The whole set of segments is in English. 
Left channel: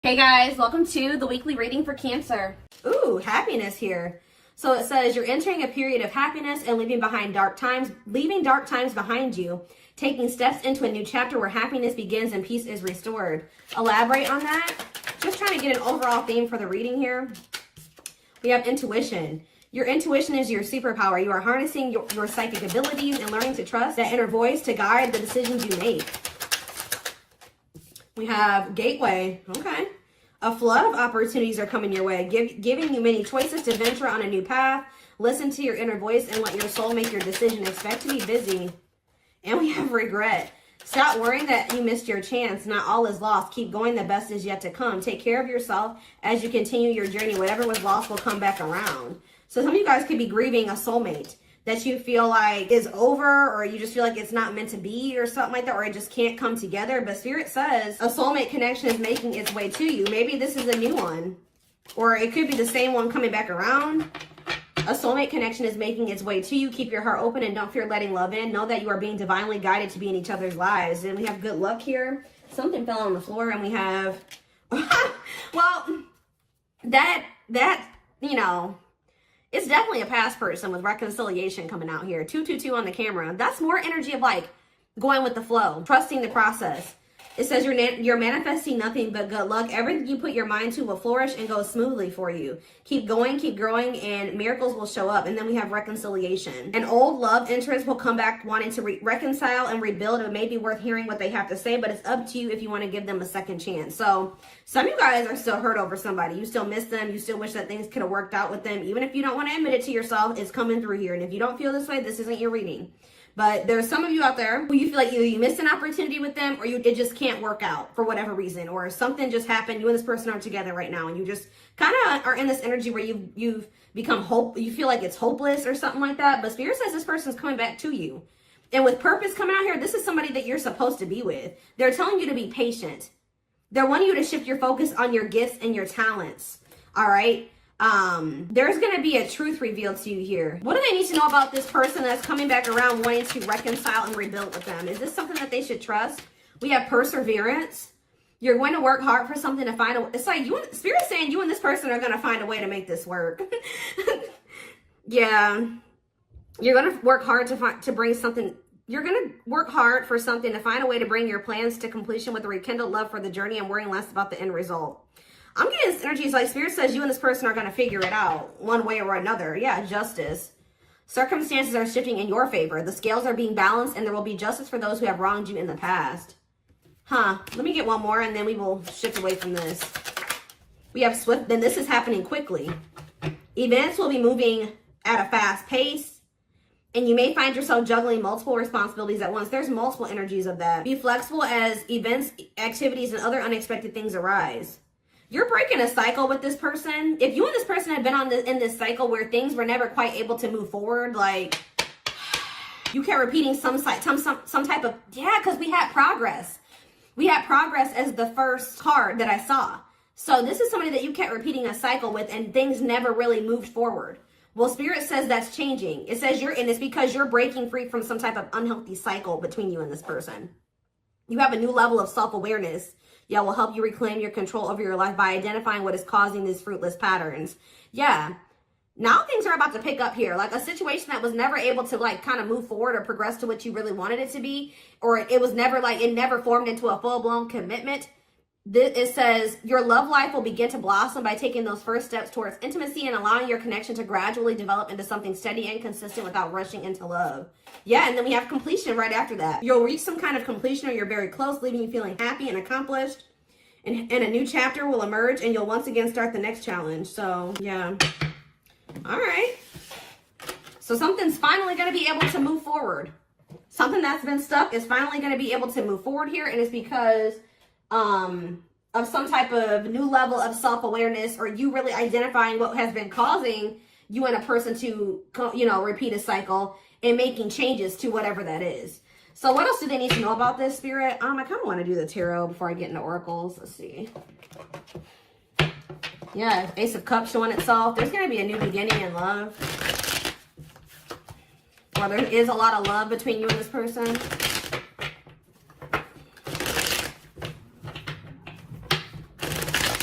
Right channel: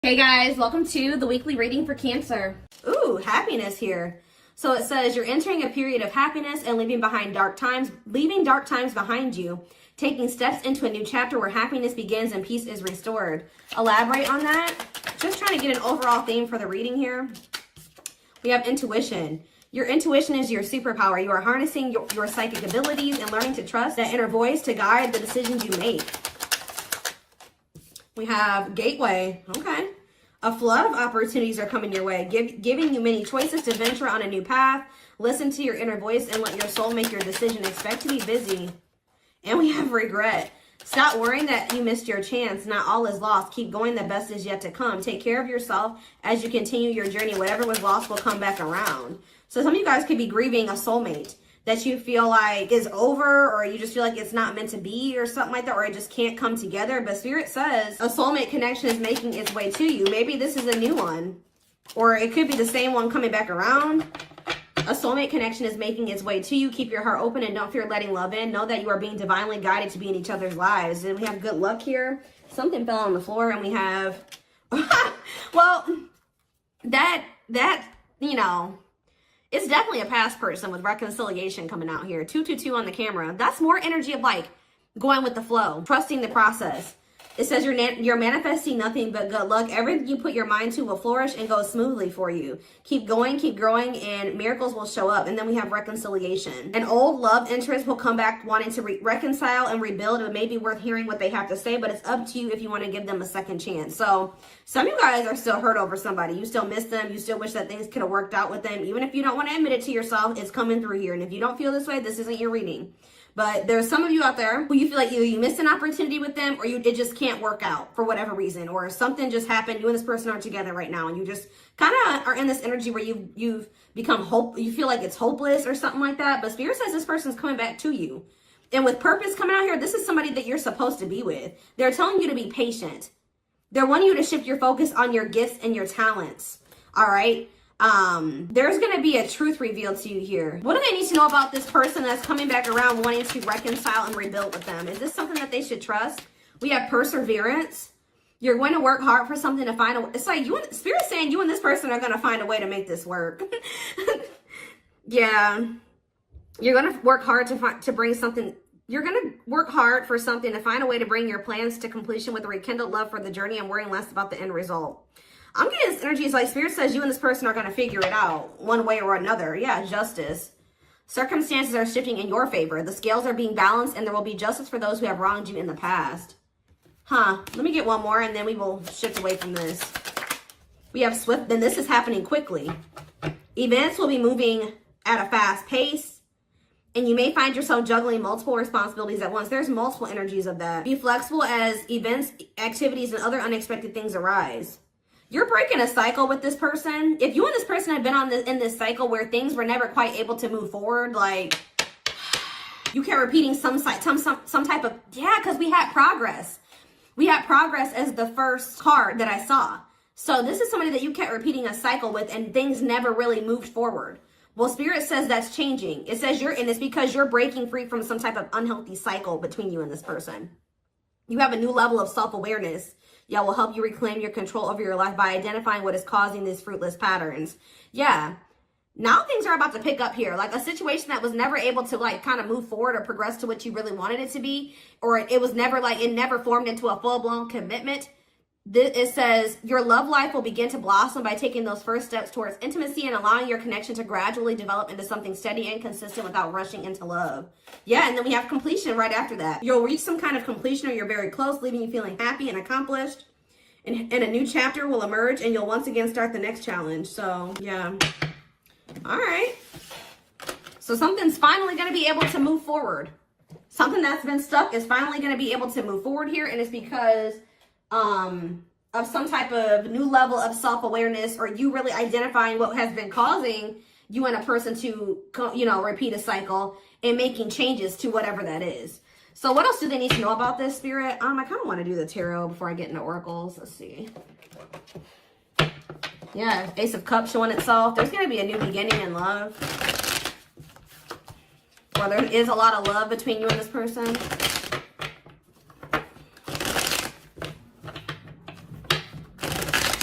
Hey guys, welcome to the weekly reading for Cancer. Ooh, happiness here. So it says you're entering a period of happiness and leaving dark times behind you, taking steps into a new chapter where happiness begins and peace is restored. Elaborate on that. Just trying to get an overall theme for the reading here. We have intuition. Your intuition is your superpower. You are harnessing your psychic abilities and learning to trust that inner voice to guide the decisions you make. We have gateway. Okay. A flood of opportunities are coming your way, giving you many choices to venture on a new path. Listen to your inner voice and let your soul make your decision. Expect to be busy. And we have regret. Stop worrying that you missed your chance. Not all is lost. Keep going. The best is yet to come. Take care of yourself as you continue your journey. Whatever was lost will come back around. So some of you guys could be grieving a soulmate that you feel like is over, or you just feel like it's not meant to be or something like that, or it just can't come together. But Spirit says a soulmate connection is making its way to you. Maybe this is a new one, or it could be the same one coming back around. A soulmate connection is making its way to you. Keep your heart open and don't fear letting love in. Know that you are being divinely guided to be in each other's lives. Then we have good luck here. Something fell on the floor, and we have, well, that, you know, it's definitely a past person with reconciliation coming out here. 222 on the camera. That's more energy of like going with the flow, trusting the process. It says you're manifesting nothing but good luck. Everything you put your mind to will flourish and go smoothly for you. Keep going, keep growing, and miracles will show up. And then we have reconciliation. An old love interest will come back wanting to reconcile and rebuild. It may be worth hearing what they have to say, but it's up to you if you want to give them a second chance. So some of you guys are still hurt over somebody. You still miss them. You still wish that things could have worked out with them. Even if you don't want to admit it to yourself, it's coming through here. And if you don't feel this way, this isn't your reading. But there's some of you out there who you feel like you missed an opportunity with them, or it just can't work out for whatever reason, or something just happened. You and this person are together right now, and you just kind of are in this energy where you've become you feel like it's hopeless or something like that. But Spirit says this person's coming back to you, and with purpose coming out here, this is somebody that you're supposed to be with. They're telling you to be patient. They're wanting you to shift your focus on your gifts and your talents. All right. There's going to be a truth revealed to you here. What do they need to know about this person that's coming back around wanting to reconcile and rebuild with them? Is this something that they should trust? We have perseverance. You're going to work hard for something to find it's like Spirit's saying you and this person are going to find a way to make this work. Yeah. You're going to work hard to bring something. You're going to work hard for something to find a way to bring your plans to completion with a rekindled love for the journey and worrying less about the end result. I'm getting this energy. It's like Spirit says you and this person are going to figure it out one way or another. Yeah, justice. Circumstances are shifting in your favor. The scales are being balanced, and there will be justice for those who have wronged you in the past. Let me get one more, and then we will shift away from this. We have swift, then this is happening quickly. Events will be moving at a fast pace, and you may find yourself juggling multiple responsibilities at once. There's multiple energies of that. Be flexible as events, activities, and other unexpected things arise. You're breaking a cycle with this person. If you and this person had been in this cycle where things were never quite able to move forward, like you kept repeating some type of, yeah, because we had progress. We had progress as the first card that I saw. So this is somebody that you kept repeating a cycle with and things never really moved forward. Well, Spirit says that's changing. It says and it's because you're breaking free from some type of unhealthy cycle between you and this person. You have a new level of self-awareness. Yeah, will help you reclaim your control over your life by identifying what is causing these fruitless patterns. Yeah, now things are about to pick up here. Like a situation that was never able to like kind of move forward or progress to what you really wanted it to be, or it was never it never formed into a full-blown commitment. It says your love life will begin to blossom by taking those first steps towards intimacy and allowing your connection to gradually develop into something steady and consistent without rushing into love. Yeah, and then we have completion right after that. You'll reach some kind of completion or you're very close, leaving you feeling happy and accomplished. And a new chapter will emerge and you'll once again start the next challenge. So, yeah. All right. So something's finally going to be able to move forward. Something that's been stuck is finally going to be able to move forward here. And it's because of some type of new level of self-awareness, or you really identifying what has been causing you and a person to, repeat a cycle and making changes to whatever that is. So what else do they need to know about this, Spirit? I kind of want to do the tarot before I get into oracles. Let's see. Yeah, Ace of Cups showing itself. There's going to be a new beginning in love. Well, there is a lot of love between you and this person.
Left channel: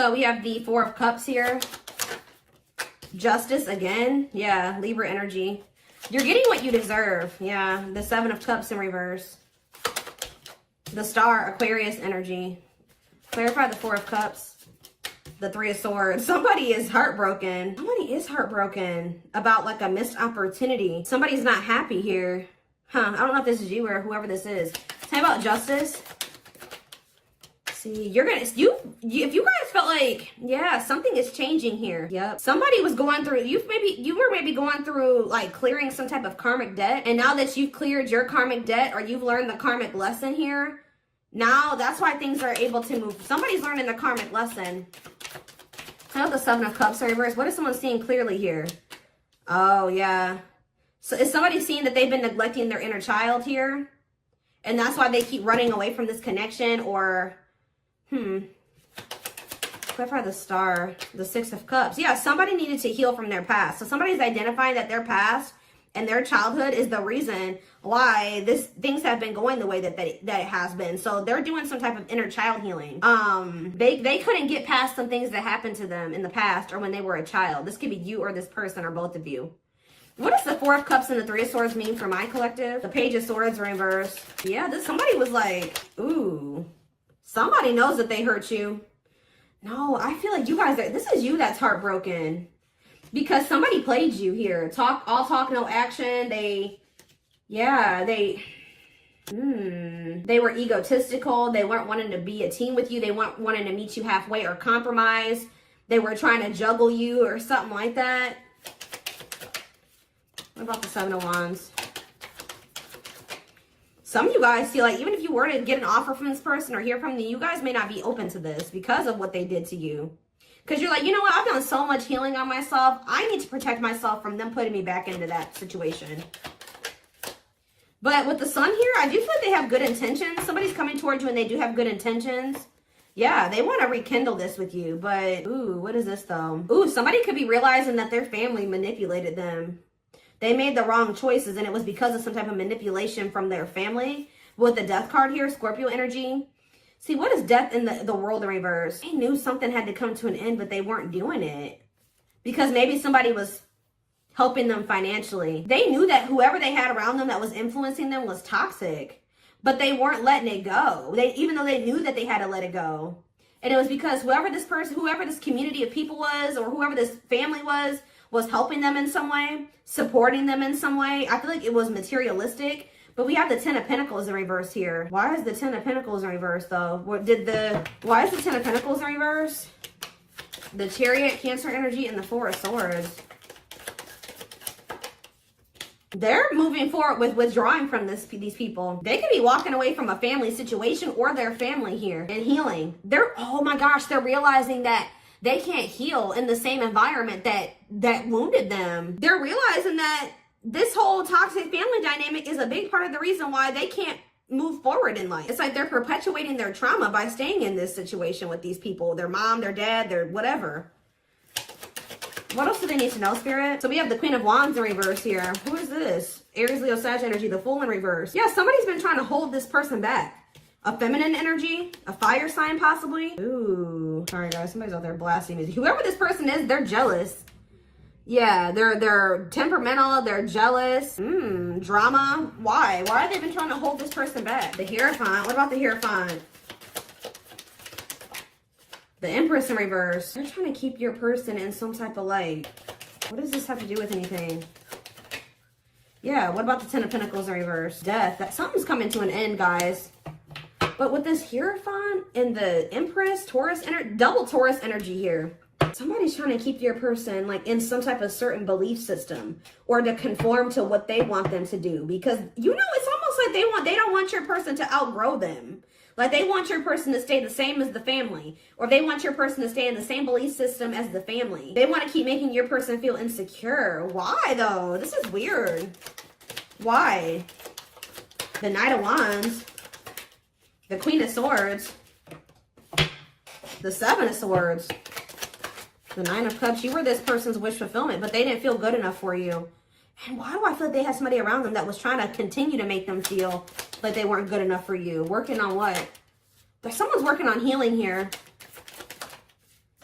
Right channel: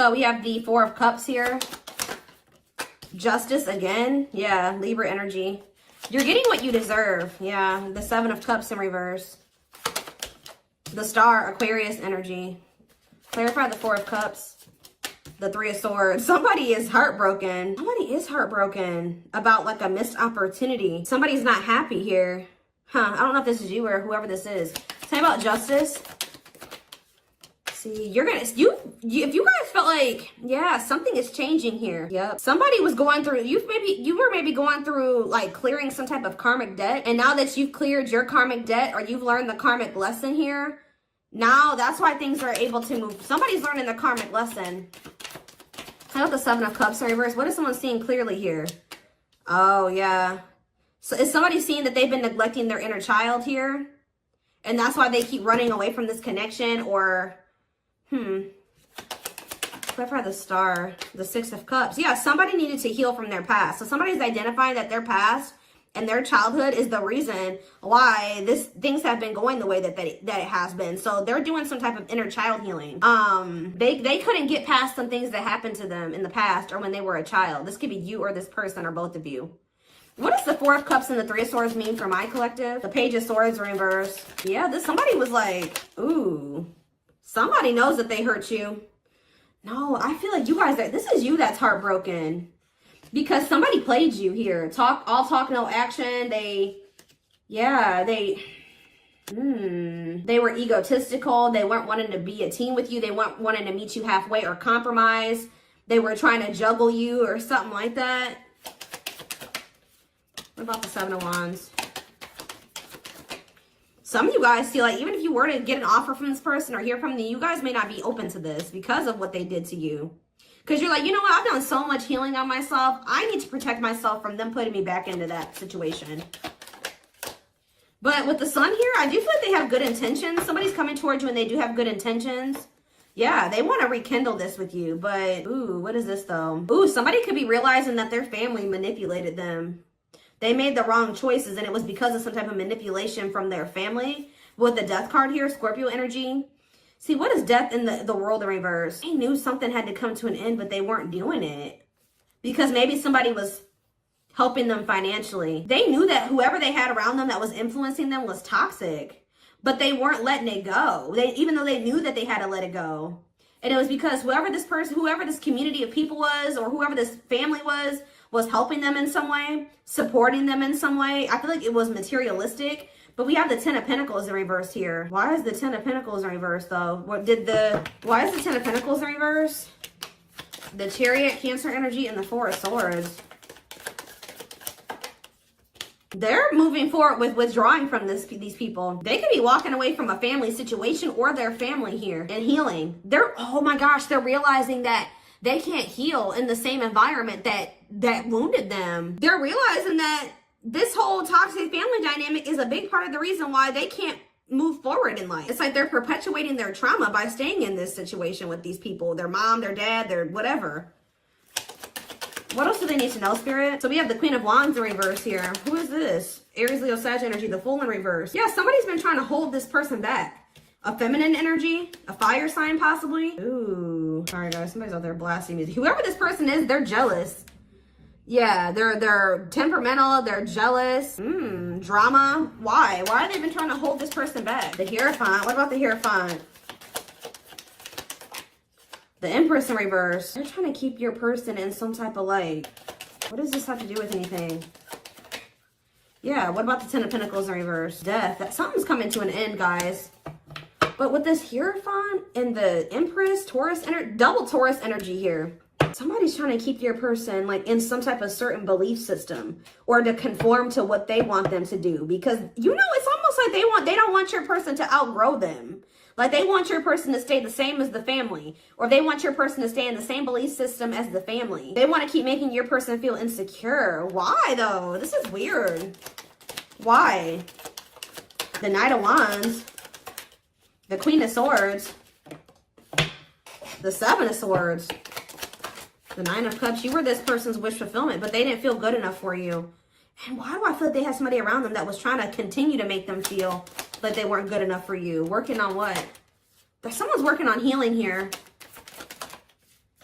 So we have the Four of Cups here. Justice again. Yeah, Libra energy. You're getting what you deserve. Yeah, the Seven of Cups in reverse. The Star, Aquarius energy. Clarify the Four of Cups. The Three of Swords. Somebody is heartbroken. Somebody is heartbroken about like a missed opportunity. Somebody's not happy here. Huh, I don't know if this is you or whoever this is. Say about Justice. See, you're gonna, if you guys felt like, yeah, something is changing here. Yep. Somebody was going through, you were maybe going through like clearing some type of karmic debt. And now that you've cleared your karmic debt or you've learned the karmic lesson here, now that's why things are able to move. Somebody's learning the karmic lesson. Say with the Seven of Cups reverse. What is someone seeing clearly here? Oh, yeah. So is somebody seeing that they've been neglecting their inner child here? And that's why they keep running away from this connection? Or, clarify the Star, the Six of Cups. Yeah, somebody needed to heal from their past. So somebody's identifying that their past and their childhood is the reason why things have been going the way that it has been. So they're doing some type of inner child healing. They couldn't get past some things that happened to them in the past or when they were a child. This could be you or this person or both of you. What does the Four of Cups and the Three of Swords mean for my collective? The Page of Swords reverse. Yeah, somebody was like, ooh, somebody knows that they hurt you. No, I feel like you guys, this is you that's heartbroken. Because somebody played you here. All talk, no action. They were egotistical. They weren't wanting to be a team with you. They weren't wanting to meet you halfway or compromise. They were trying to juggle you or something like that. What about the Seven of Wands? Some of you guys feel like even if you were to get an offer from this person or hear from them, you guys may not be open to this because of what they did to you. Because you're like, you know what? I've done so much healing on myself. I need to protect myself from them putting me back into that situation. But with the Sun here, I do feel like they have good intentions. Somebody's coming towards you and they do have good intentions. Yeah, they want to rekindle this with you. But, ooh, what is this though? Ooh, somebody could be realizing that their family manipulated them. They made the wrong choices and it was because of some type of manipulation from their family. With the Death card here, Scorpio energy. See, what is death in the world in reverse? They knew something had to come to an end, but they weren't doing it. Because maybe somebody was helping them financially. They knew that whoever they had around them that was influencing them was toxic. But they weren't letting it go. Even though they knew that they had to let it go. And it was because whoever this community of people was, or whoever this family was helping them in some way, supporting them in some way. I feel like it was materialistic. But we have the Ten of Pentacles in reverse here. Why is the Ten of Pentacles in reverse though? Why is the Ten of Pentacles in reverse? The Chariot, Cancer energy, and the Four of Swords. They're moving forward with withdrawing from these people. They could be walking away from a family situation or their family here and healing. Oh my gosh, they're realizing that they can't heal in the same environment that wounded them. They're realizing that this whole toxic family dynamic is a big part of the reason why they can't move forward in life. It's like they're perpetuating their trauma by staying in this situation with these people. Their mom, their dad, their whatever. What else do they need to know, Spirit? So we have the Queen of Wands in reverse here. Who is this? Aries, Leo, Sag energy, the Fool in reverse. Yeah, somebody's been trying to hold this person back. A feminine energy, a fire sign possibly. Ooh, sorry guys, somebody's out there blasting me. Whoever this person is, they're jealous. Yeah, they're temperamental, they're jealous. Drama. Why? Why have they been trying to hold this person back? The Hierophant. What about the Hierophant? The Empress in reverse. They're trying to keep your person in some type of light. What does this have to do with anything? Yeah, what about the Ten of Pentacles in reverse? Death. Something's coming to an end, guys. But with this Hierophant and the Empress, double Taurus energy here. Somebody's trying to keep your person like in some type of certain belief system or to conform to what they want them to do. Because, you know, it's almost like they don't want your person to outgrow them. Like they want your person to stay the same as the family, or they want your person to stay in the same belief system as the family. They want to keep making your person feel insecure. Why though? This is weird. Why? The Knight of Wands, the Queen of Swords, the Seven of Swords, the Nine of Cups. You were this person's wish fulfillment, but they didn't feel good enough for you. And why do I feel like they have somebody around them that was trying to continue to make them feel like they weren't good enough for you? Working on what? Someone's working on healing here.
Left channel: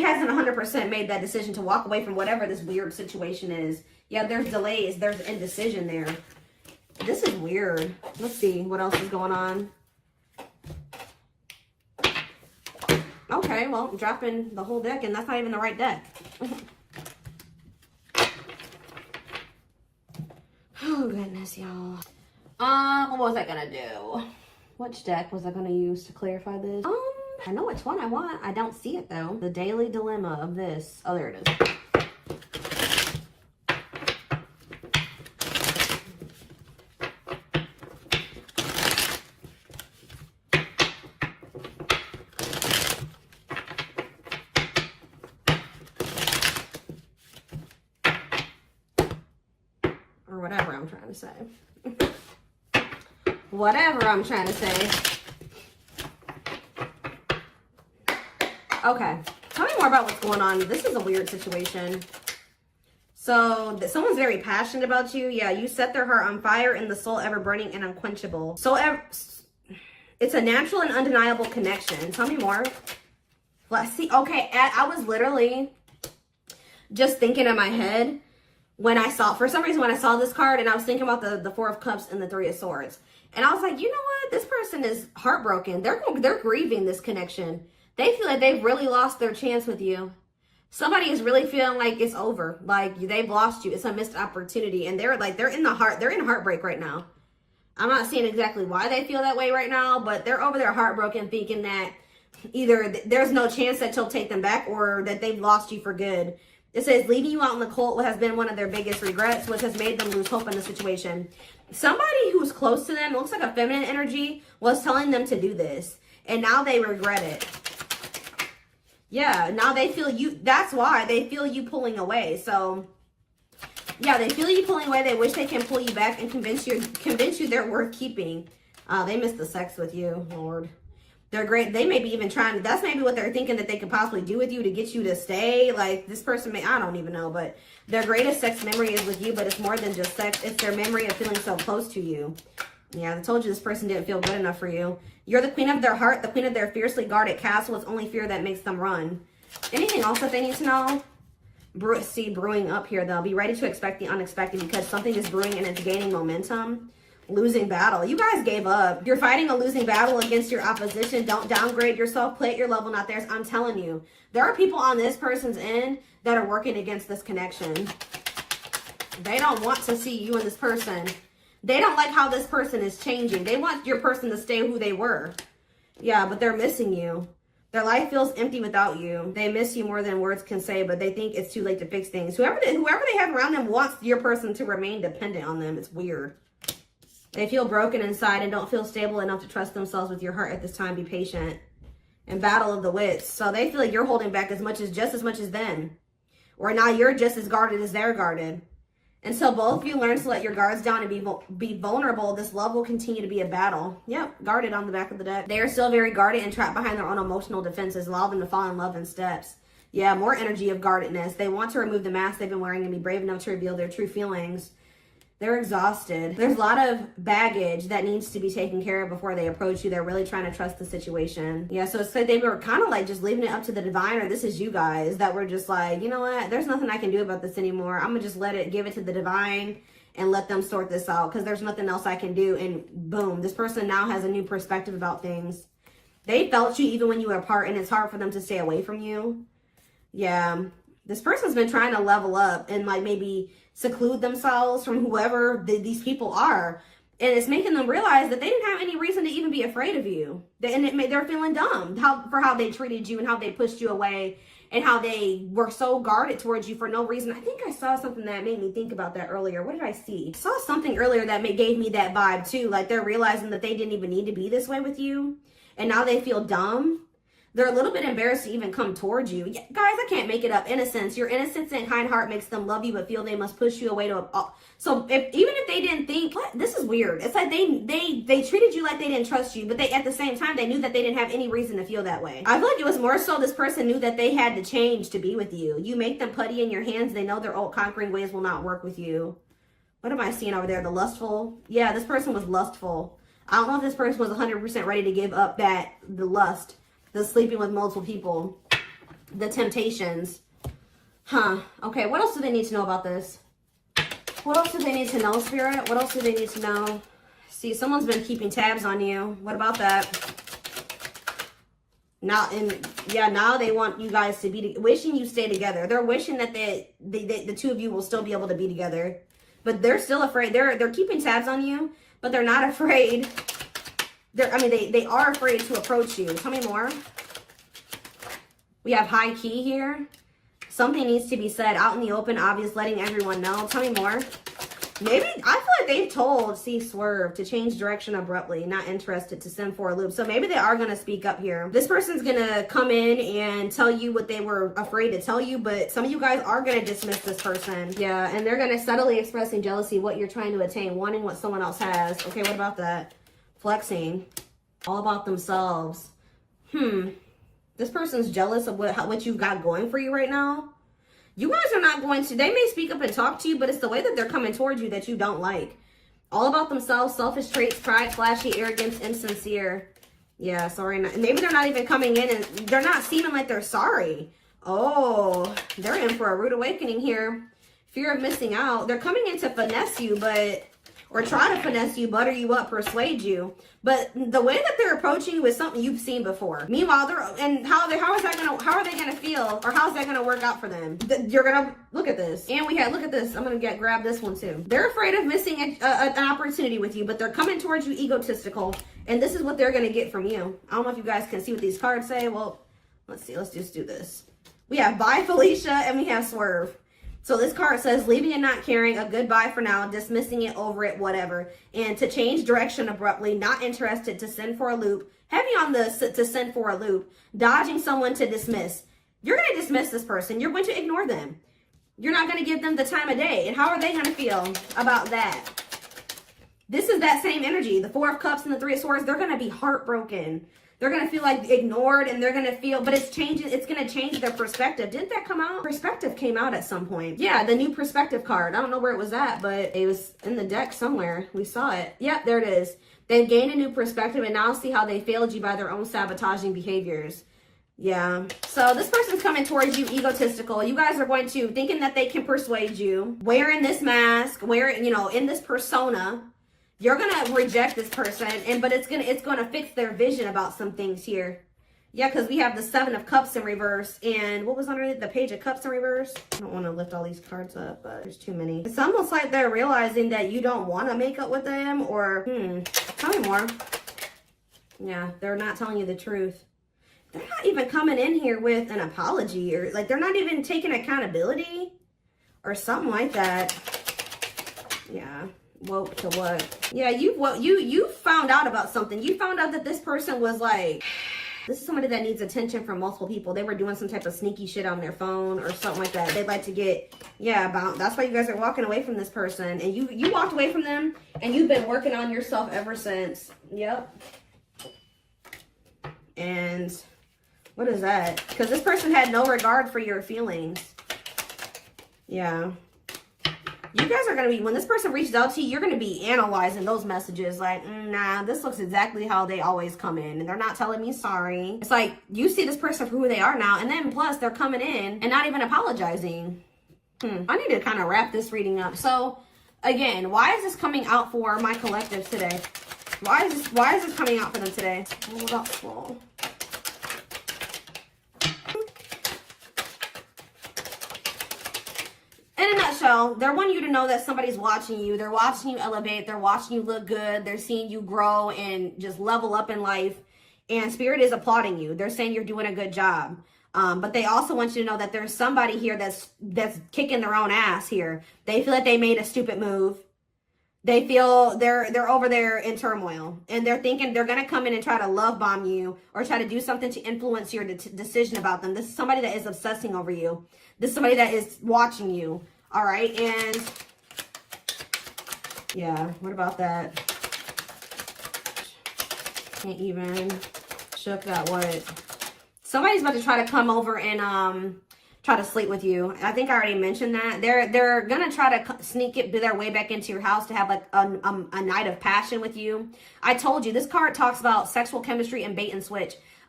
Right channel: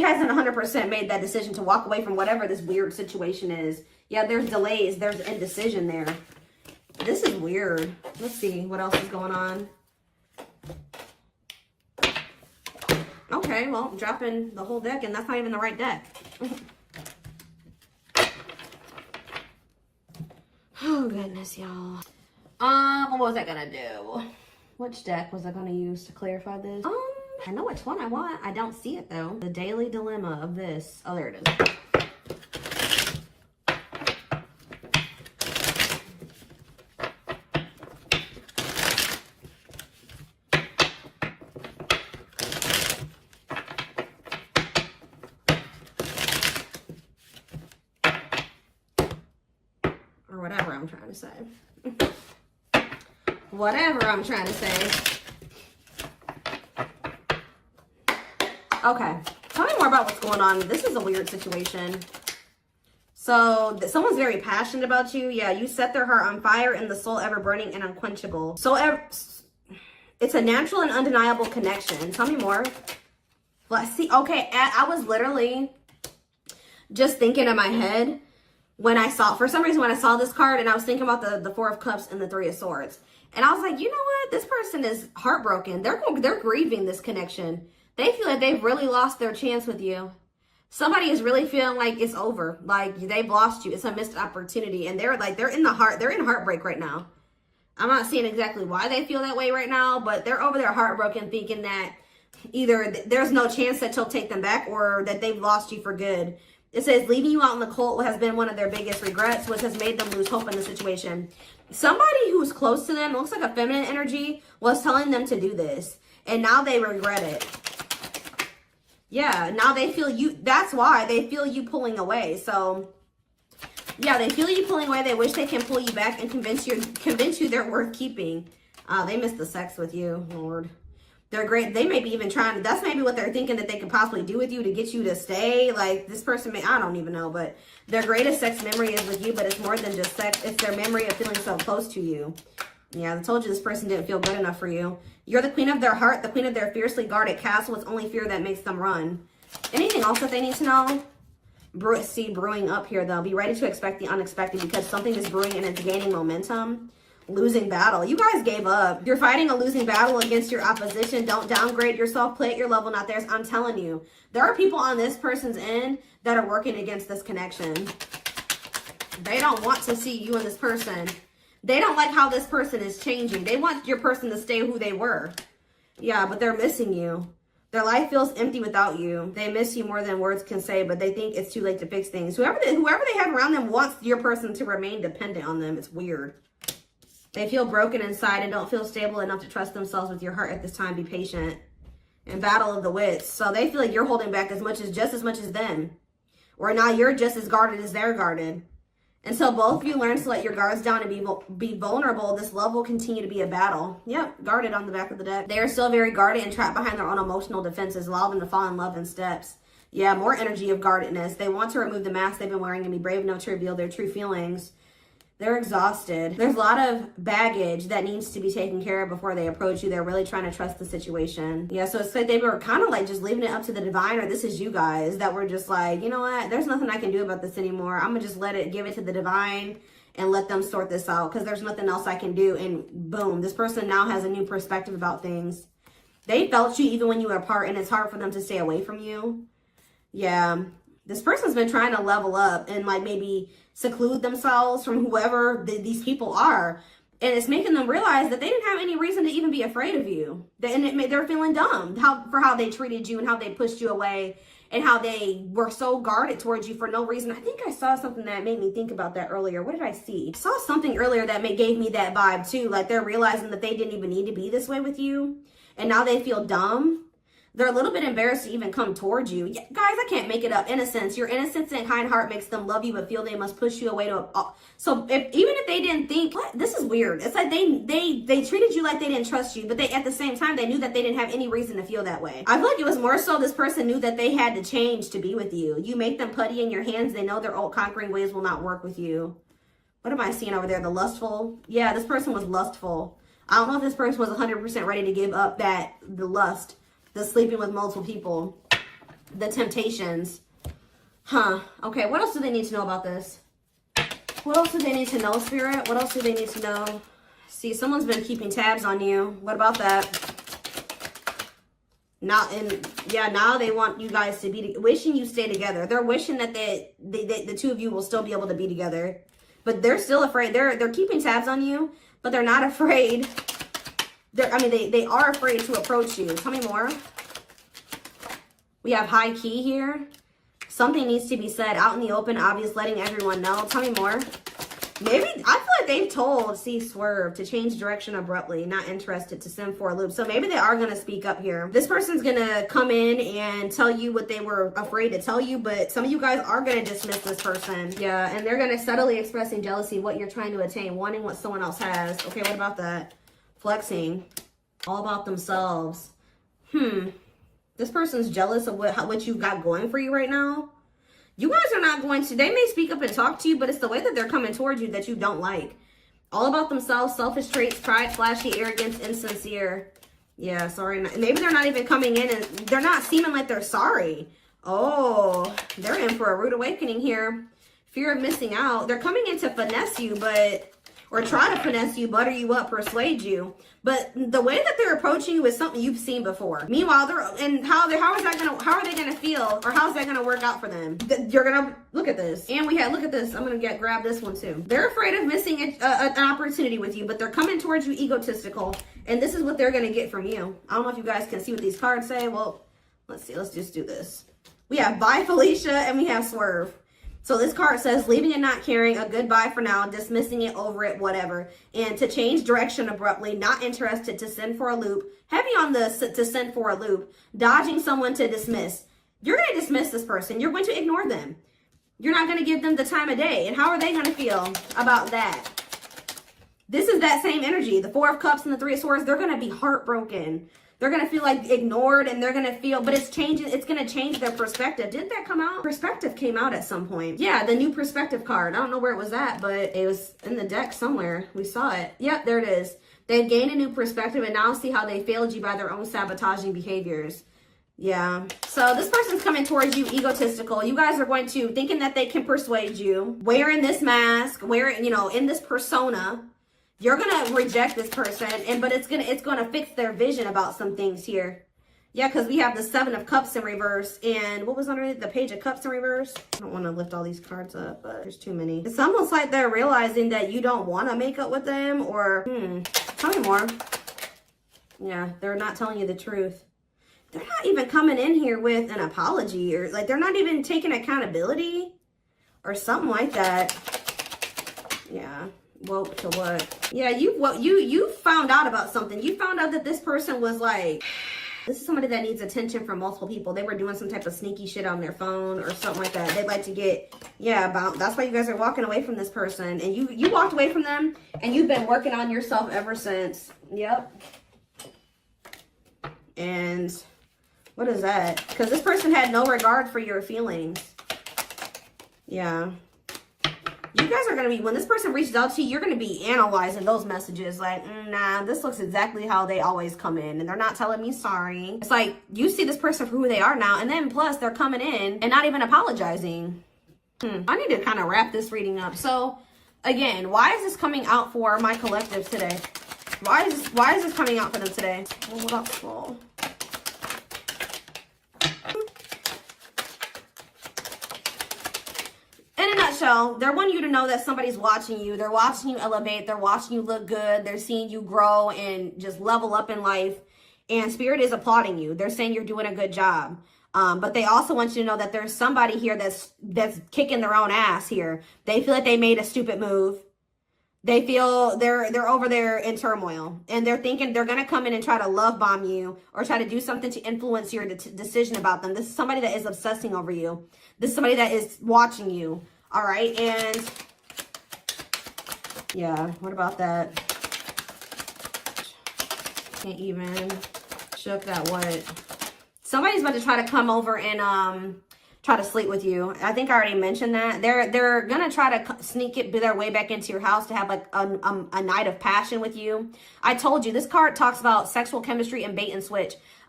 hasn't 100% made that decision to walk away from whatever this weird situation is. Yeah, there's delays. There's indecision there. This is weird. Let's see what else is going on. Okay, well, I'm dropping the whole deck, and that's not even the right deck. Oh, goodness, y'all. What was I gonna do? Which deck was I gonna use to clarify this? I know which one I want. I don't see it, though. The Daily Dilemma of this. Oh, there it is. Whatever I'm trying to say. Whatever I'm trying to say. Okay. Tell me more about what's going on. This is a weird situation. So, someone's very passionate about you. Yeah, you set their heart on fire and the soul ever burning and unquenchable. So, it's a natural and undeniable connection. Tell me more. Let's see. Okay, I was literally just thinking in my head when I saw, for some reason, when I saw this card, and I was thinking about the Four of Cups and the Three of Swords. And I was like, you know what? This person is heartbroken. They're grieving this connection. They feel like they've really lost their chance with you. Somebody is really feeling like it's over. Like they've lost you. It's a missed opportunity. And they're in heartbreak right now. I'm not seeing exactly why they feel that way right now, but they're over there heartbroken, thinking that either there's no chance that you'll take them back or that they've lost you for good. It says leaving you out in the cold has been one of their biggest regrets, which has made them lose hope in the situation. Somebody who's close to them, looks like a feminine energy, was telling them to do this. And now they regret it. Yeah, now they feel you. That's why they feel you pulling away. So, yeah, they feel you pulling away. They wish they can pull you back and convince you they're worth keeping. They miss the sex with you, Lord. They're great. They may be even trying to, that's maybe what they're thinking that they could possibly do with you to get you to stay. Like this person may, I don't even know, but their greatest sex memory is with you, but it's more than just sex. It's their memory of feeling so close to you. Yeah, I told you this person didn't feel good enough for you. You're the queen of their heart, the queen of their fiercely guarded castle. It's only fear that makes them run. Anything else that they need to know? Brewing up here, though. Be ready to expect the unexpected because something is brewing and it's gaining momentum. Losing battle. You guys gave up. You're fighting a losing battle against your opposition. Don't downgrade yourself. Play at your level, not theirs. I'm telling you. There are people on this person's end that are working against this connection. They don't want to see you and this person. They don't like how this person is changing. They want your person to stay who they were. Yeah, but they're missing you. Their life feels empty without you. They miss you more than words can say, but they think it's too late to fix things. Whoever they have around them wants your person to remain dependent on them. It's weird. They feel broken inside and don't feel stable enough to trust themselves with your heart at this time. Be patient. And battle of the wits. So they feel like you're holding back just as much as them. Or now you're just as guarded as they're guarded. Until both of you learn to let your guards down and be vulnerable, this love will continue to be a battle. Yep, guarded on the back of the deck. They are still very guarded and trapped behind their own emotional defenses, allowing them to fall in love in steps. Yeah, more energy of guardedness. They want to remove the mask they've been wearing and be brave enough to reveal their true feelings. They're exhausted. There's a lot of baggage that needs to be taken care of before they approach you. They're really trying to trust the situation. Yeah, so it's like they were kind of like just leaving it up to the divine, or this is you guys that were just like, you know what? There's nothing I can do about this anymore. I'm going to just give it to the divine and let them sort this out because there's nothing else I can do. And boom, this person now has a new perspective about things. They felt you even when you were apart, and it's hard for them to stay away from you. Yeah, this person's been trying to level up and like maybe seclude themselves from whoever these people are, and it's making them realize that they didn't have any reason to even be afraid of you, and they're feeling dumb for how they treated you and how they pushed you away and how they were so guarded towards you for no reason. I think I saw something that made me think about that earlier. What did I see? I saw something earlier that gave me that vibe too, like they're realizing that they didn't even need to be this way with you, and now they feel dumb. They're a little bit embarrassed to even come towards you. Yeah, guys, I can't make it up. Innocence. Your innocence and kind heart makes them love you, but feel they must push you away to so even if they didn't think, what? This is weird. It's like they treated you like they didn't trust you, but they at the same time, they knew that they didn't have any reason to feel that way. I feel like it was more so this person knew that they had to change to be with you. You make them putty in your hands. They know their old conquering ways will not work with you. What am I seeing over there? The lustful? Yeah, this person was lustful. I don't know if this person was 100% ready to give up the lust. The sleeping with multiple people. the temptations. Huh. Okay, what else do they need to know about this? What else do they need to know, Spirit? What else do they need to know? See, someone's been keeping tabs on you. What about that? Now they want you guys to be, wishing you stay together. They're wishing that the two of you will still be able to be together. But they're still afraid. They're keeping tabs on you, but they're not afraid. They are afraid to approach you. Tell me more. We have high key here. Something needs to be said out in the open, obvious, letting everyone know. Tell me more. Maybe, I feel like they've told Swerve to change direction abruptly, not interested, to send for a loop. So maybe they are going to speak up here. This person's going to come in and tell you what they were afraid to tell you, but some of you guys are going to dismiss this person. Yeah, and they're going to subtly expressing jealousy, what you're trying to attain, wanting what someone else has. Okay, what about that? Flexing. All about themselves. This person's jealous of what you got going for you right now. You guys are not going to, they may speak up and talk to you, but it's the way that they're coming towards you that you don't like. All about themselves, selfish traits, pride, flashy, arrogance, insincere. Yeah, sorry. Maybe they're not even coming in and they're not seeming like they're sorry. Oh, they're in for a rude awakening here. Fear of missing out. They're coming in to finesse you, or try to finesse you, butter you up, persuade you. But the way that they're approaching you is something you've seen before. Meanwhile, how are they gonna feel, or how's that gonna work out for them? You're gonna look at this, and look at this. I'm gonna grab this one too. They're afraid of missing an opportunity with you, but they're coming towards you egotistical, and this is what they're gonna get from you. I don't know if you guys can see what these cards say. Well, let's see. Let's just do this. We have bye Felicia, and we have Swerve. So this card says, leaving and not caring, a goodbye for now, dismissing it, over it, whatever. And to change direction abruptly, not interested, to send for a loop. Heavy on the to send for a loop. Dodging someone, to dismiss. You're going to dismiss this person. You're going to ignore them. You're not going to give them the time of day. And how are they going to feel about that? This is that same energy. The Four of Cups and the Three of Swords, they're going to be heartbroken. They're going to feel like ignored, and they're going to feel, but it's changing. It's going to change their perspective. Didn't that come out? Perspective came out at some point. Yeah, the new perspective card. I don't know where it was at, but it was in the deck somewhere. We saw it. Yep, there it is. They've gained a new perspective and now see how they failed you by their own sabotaging behaviors. Yeah. So this person's coming towards you egotistical. You guys are going to, thinking that they can persuade you, wearing this mask, wearing, in this persona. You're gonna reject this person, but it's gonna fix their vision about some things here. Yeah, because we have the Seven of Cups in reverse, and what was underneath? The Page of Cups in reverse. I don't want to lift all these cards up, but there's too many. It's almost like they're realizing that you don't want to make up with them, or tell me more. Yeah, they're not telling you the truth. They're not even coming in here with an apology, or like they're not even taking accountability or something like that. Yeah. Well, to what? Yeah, you found out about something. You found out that this person was like, this is somebody that needs attention from multiple people. They were doing some type of sneaky shit on their phone or something like that. They'd like to get, that's why you guys are walking away from this person. And you walked away from them, and you've been working on yourself ever since. Yep. And what is that? Because this person had no regard for your feelings. Yeah. You guys are going to be, when this person reaches out to you, you're going to be analyzing those messages like, nah, this looks exactly how they always come in. And they're not telling me sorry. It's like, you see this person for who they are now. And then plus they're coming in and not even apologizing. I need to kind of wrap this reading up. So again, why is this coming out for my collectives today? Why is this coming out for them today? Hold up, Paul. In a nutshell, they want you to know that somebody's watching you. They're watching you elevate. They're watching you look good. They're seeing you grow and just level up in life. And Spirit is applauding you. They're saying you're doing a good job. But they also want you to know that there's somebody here that's kicking their own ass here. They feel like they made a stupid move. They feel they're over there in turmoil. And they're thinking they're going to come in and try to love bomb you or try to do something to influence your decision about them. This is somebody that is obsessing over you. This is somebody that is watching you. All right. And yeah, what about that? Can't even shook that wood. Somebody's about to try to come over and try to sleep with you. I think I already mentioned that. They're gonna try to sneak their way back into your house to have like a night of passion with you. I told you, this card talks about sexual chemistry and bait and switch.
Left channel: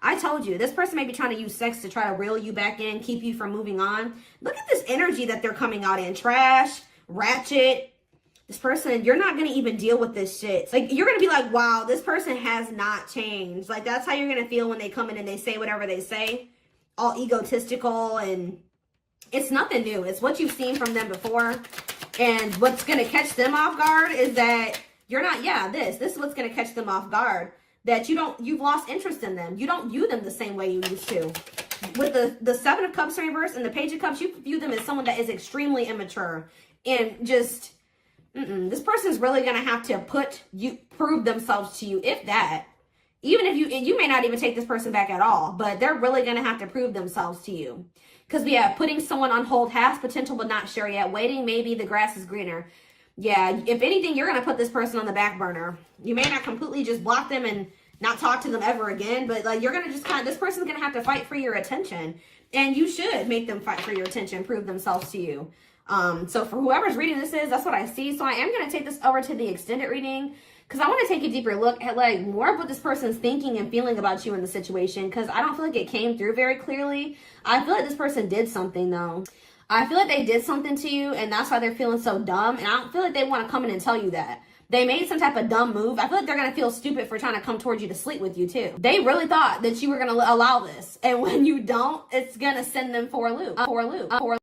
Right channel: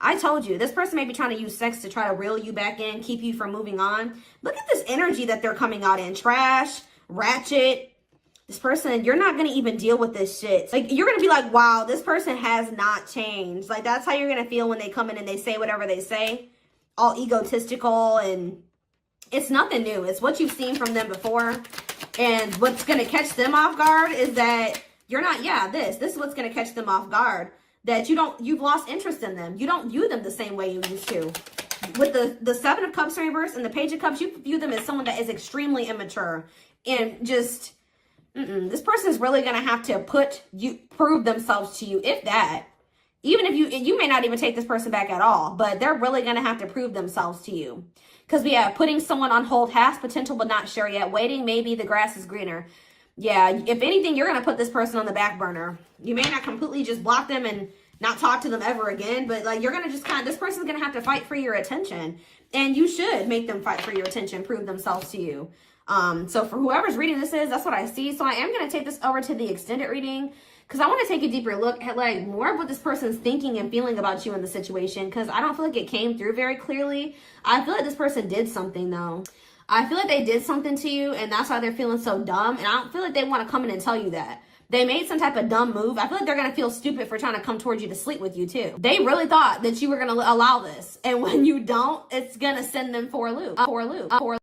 I told you, this person may be trying to use sex to try to reel you back in, keep you from moving on. Look at this energy that they're coming out in. Trash, ratchet. This person, you're not going to even deal with this shit. Like, you're going to be like, wow, this person has not changed. Like, that's how you're going to feel when they come in and they say whatever they say. All egotistical, and it's nothing new. It's what you've seen from them before. And what's going to catch them off guard is that you're not, this is what's going to catch them off guard. That you've lost interest in them. You don't view them the same way you used to. With the Seven of Cups reverse and the Page of Cups, you view them as someone that is extremely immature. And just, this person's really going to have to prove themselves to you, if that. Even if you may not even take this person back at all, but they're really going to have to prove themselves to you. Because we have putting someone on hold, has potential but not sure yet. Waiting, maybe the grass is greener. Yeah, if anything, you're going to put this person on the back burner. You may not completely just block them and not talk to them ever again, but like, you're going to just this person's going to have to fight for your attention. And you should make them fight for your attention, prove themselves to you. So for whoever's reading this that's what I see. So I am going to take this over to the extended reading, because I want to take a deeper look at like more of what this person's thinking and feeling about you in the situation, because I don't feel like it came through very clearly. I feel like this person did something though. I feel like they did something to you, and that's why they're feeling so dumb. And I don't feel like they want to come in and tell you that. They made some type of dumb move. I feel like they're going to feel stupid for trying to come towards you to sleep with you too. They really thought that you were going to allow this. And when you don't, it's going to send them for a loop.